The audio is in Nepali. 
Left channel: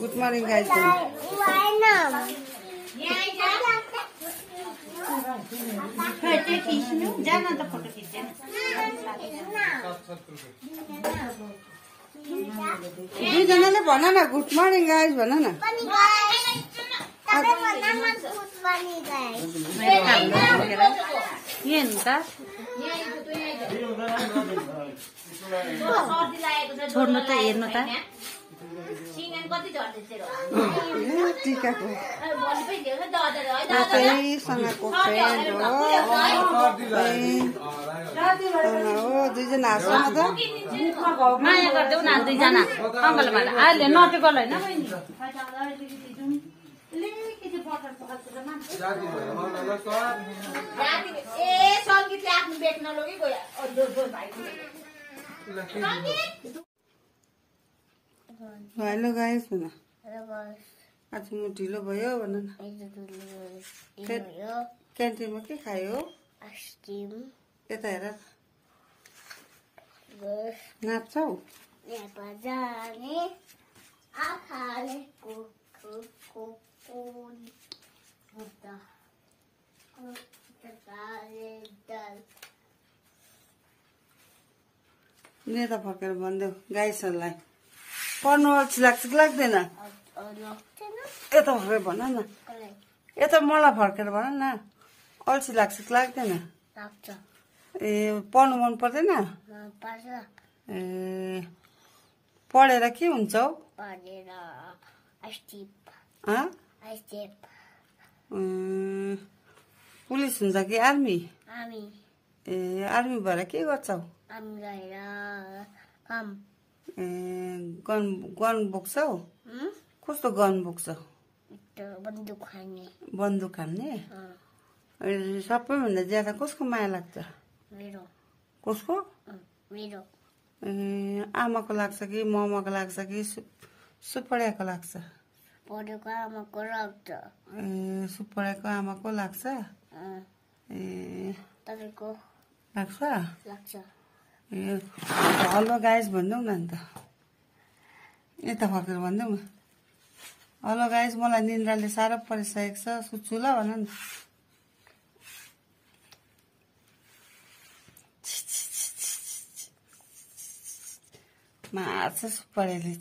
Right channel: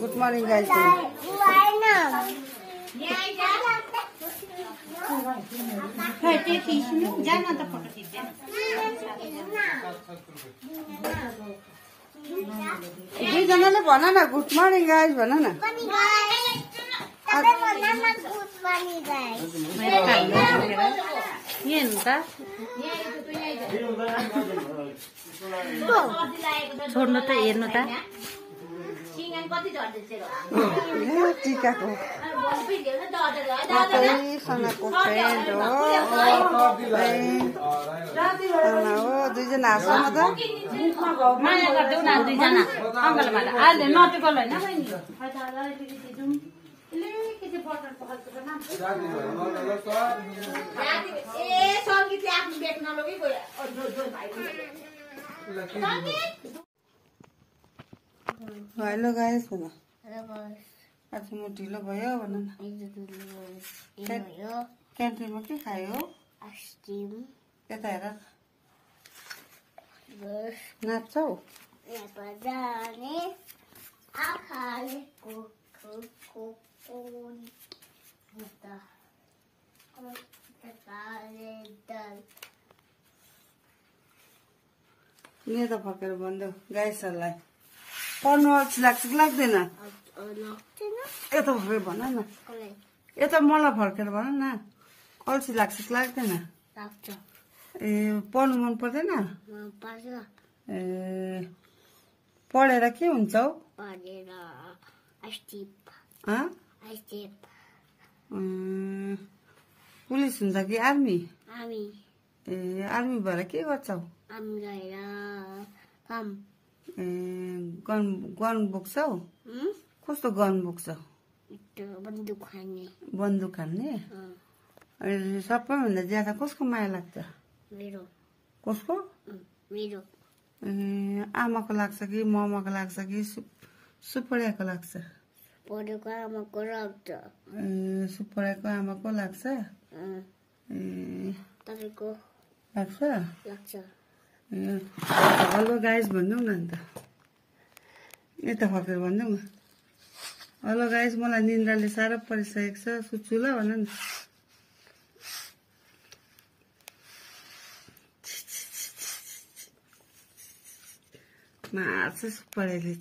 Good morning guys. दुईजनाले भन न गुड मर्निङ गाइस भन न। छोड्नु त हेर्नु त टिकाको सँगको फ्रेन्ड हो दुईजना हाँस्छ त हेलो गाइस भन। आज म ढिलो भयो भन न। क्यान्टिनमा के खायो? आइसक्रिम। यता हेर नाच्छौ? जाने नेता फर्केर भनिदेऊ गाइसहरूलाई पढ्नु अल्छी लाग्छ कि लाग्दैन? यता फर्केर भन न। यता मलाई फर्केर भन न अल्छी लाग्छ कि लाग्दैन? ए पढ्नु मन पर्दैन? ए पढेर के हुन्छ हौ? पुलिस हुन्छ कि आर्मी? ए आर्मी भएर के गर्छौ? गन बोक्छौ? कस्तो गन बोक्छौ? बन्दुक हान्ने? सबैभन्दा ज्यादा कसको माया लाग्छ? कसको? आमाको लाग्छ कि ममाको लाग्छ कि सुपड्याको लाग्छ? सुपड्याको आमाको लाग्छ? लाग्छ? हेलो गाइस भनिदेऊ न अन्त। यता फर्केर भनिदेऊ न। हेलो गाइस मलाई निन्द्राले साह्रो परिसकेको छ सुत्छु ल भन न। मार्छ सुपड्याले।